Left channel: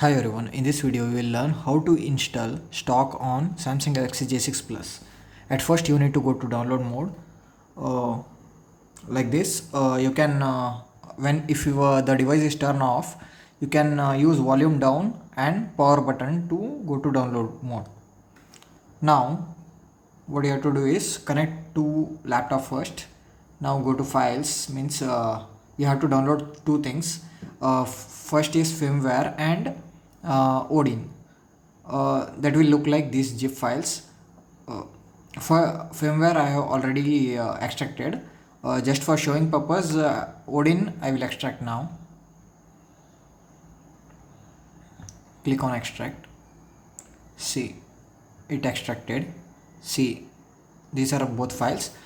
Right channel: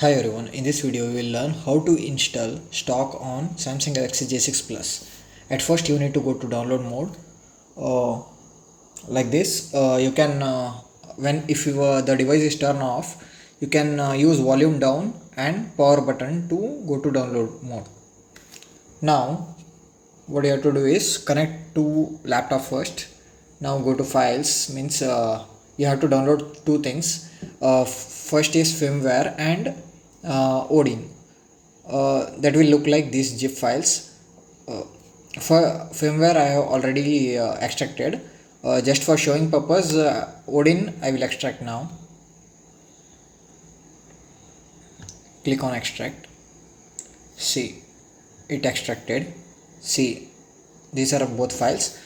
Hi everyone, in this video we will learn how to install stock on Samsung Galaxy J6 Plus. At first you need to go to download mode uh, like this. You can when if you, the device is turned off, you can use volume down and power button to go to download mode. Now what you have to do is connect to laptop first. Now go to files, means you have to download two things. First is firmware and Odin. That will look like these zip files. uh, for firmware I have already extracted. Just for showing purpose, Odin I will extract now. Click on extract. See, it extracted. See, these are both files.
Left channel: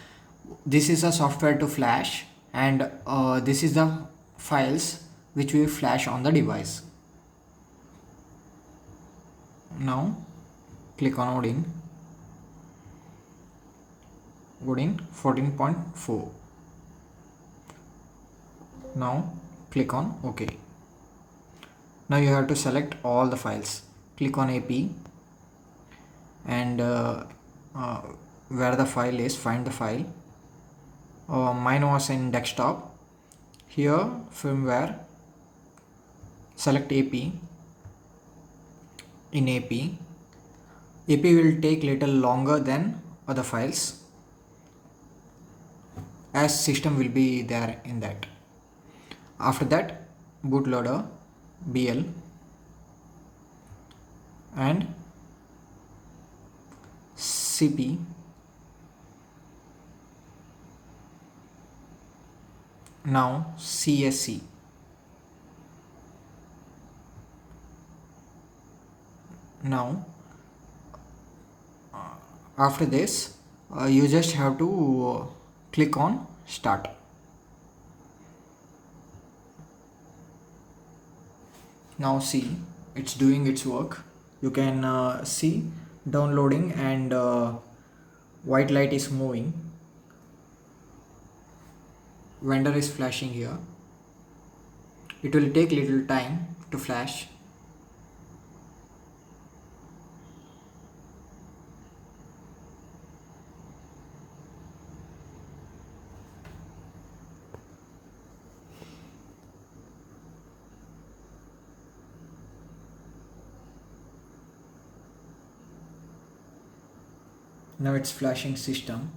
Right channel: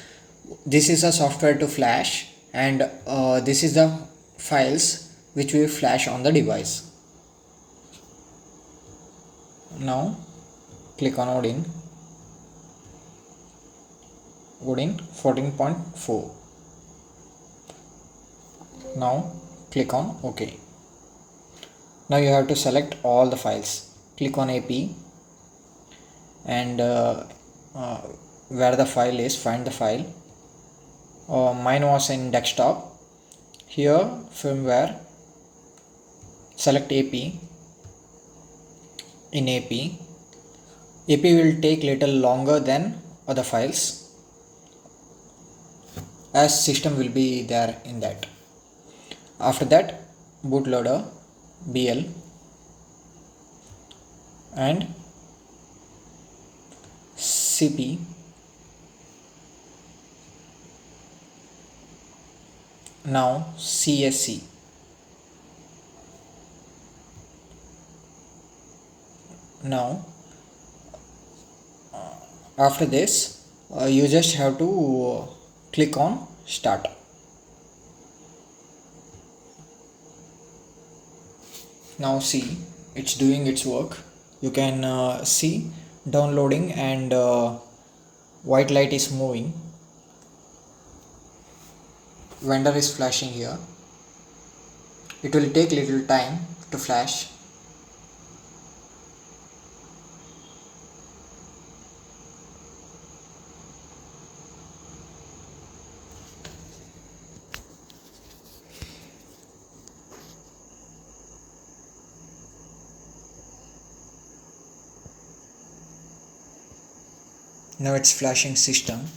This is a software to flash, and this is the files which we flash on the device. Now click on Odin 14.4. Now click on OK. Now you have to select all the files. Click on AP, and uh, where the file is, find the file. Mine was in desktop. Here firmware, select AP. In AP will take little longer than other files, as system will be there in that. After that, bootloader BL and CP. Now CSC. Now after this, you just have to click on start. Now see, it's doing its work. You can see downloading, and white light is moving. Vendor is flashing here. It will take little time to flash. Now it's flashing system.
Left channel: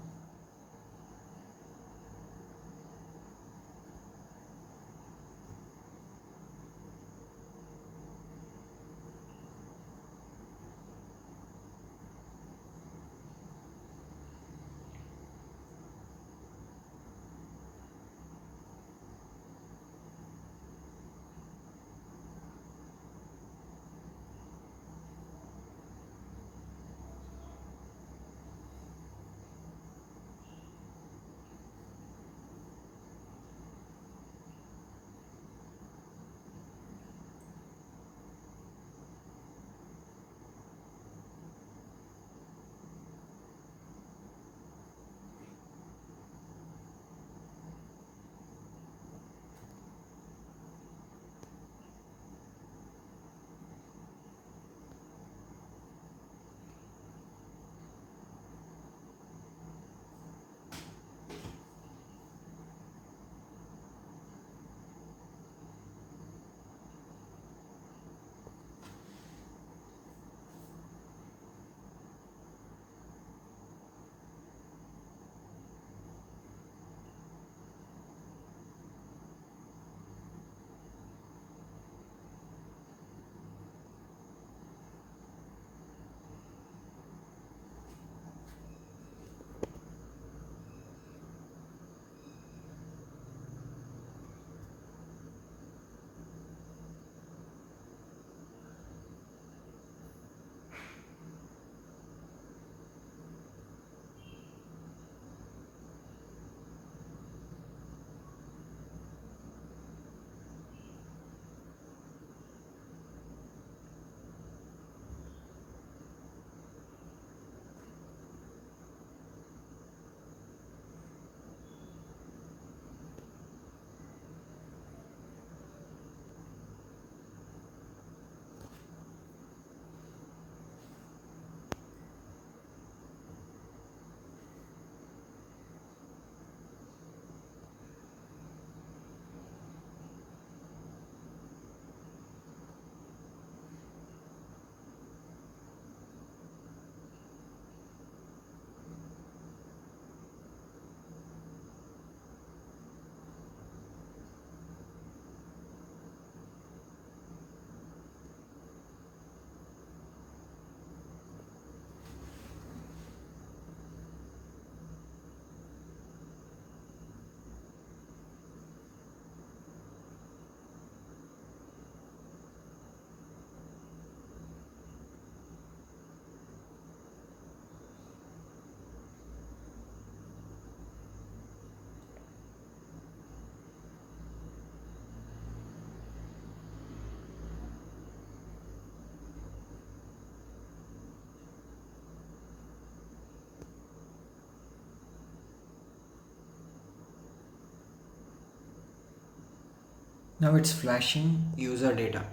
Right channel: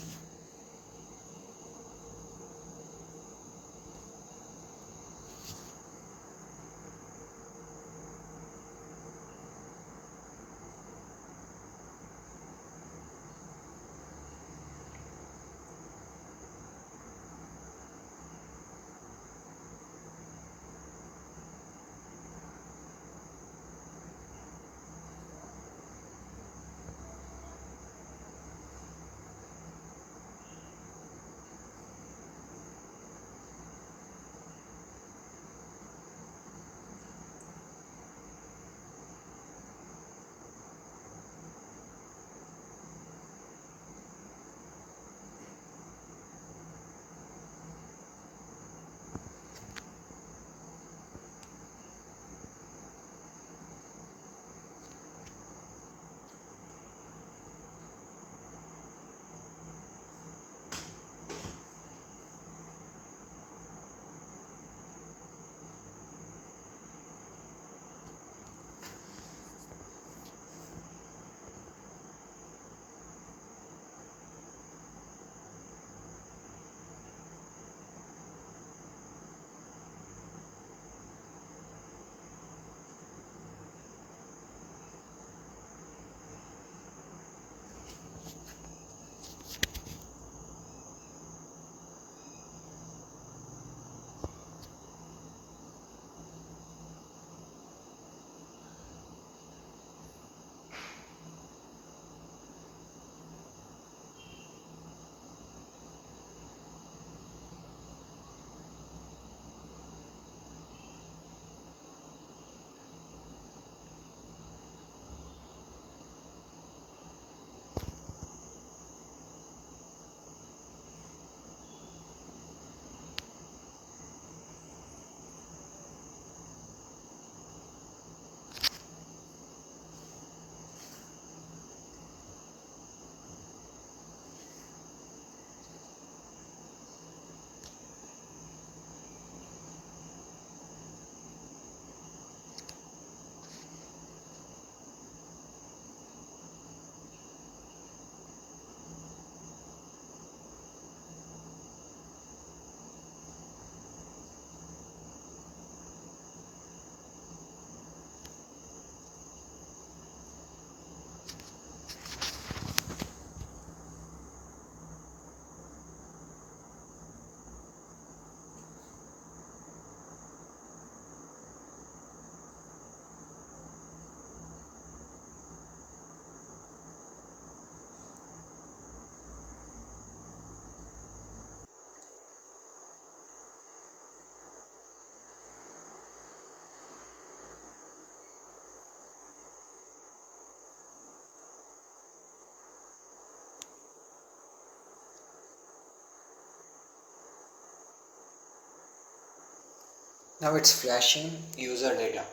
Now it's flashing user data.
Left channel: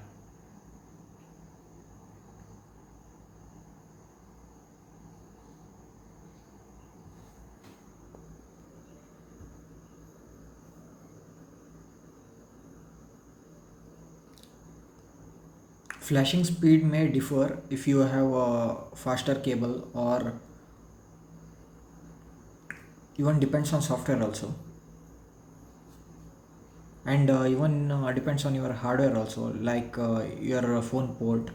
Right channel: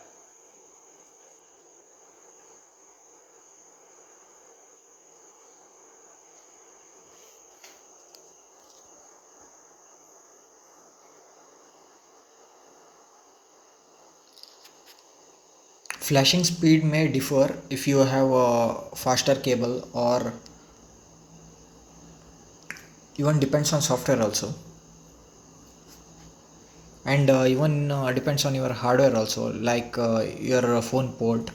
Flashing speed may differ if you have a faster cable, or even depends on software also, and even depends on your hardware also, like your phone port.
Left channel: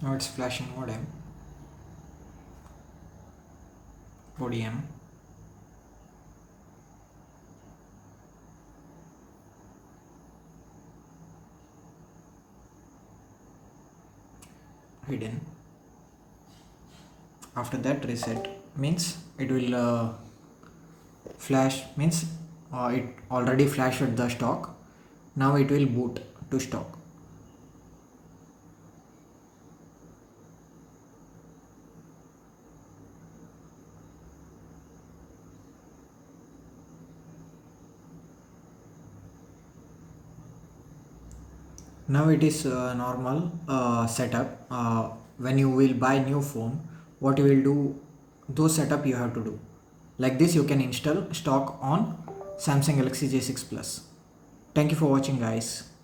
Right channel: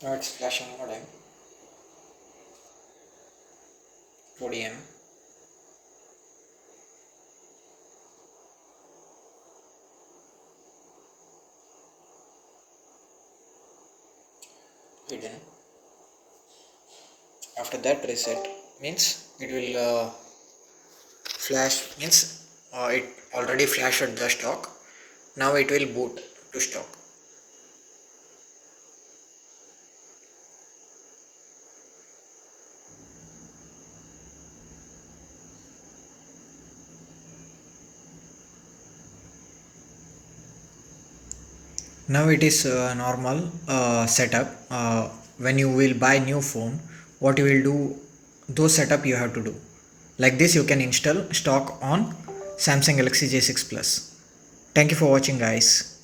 Now it's flashing modem, ODM. Hidden. After that reset means it will flash, means it already flashed the stock. Now it will boot to stock. Now it is normal setup. When you will buy new phone, what you will do, those setup you have to do. Like this you can install stock on Samsung Galaxy J6 Plus. Thank you for watching, guys.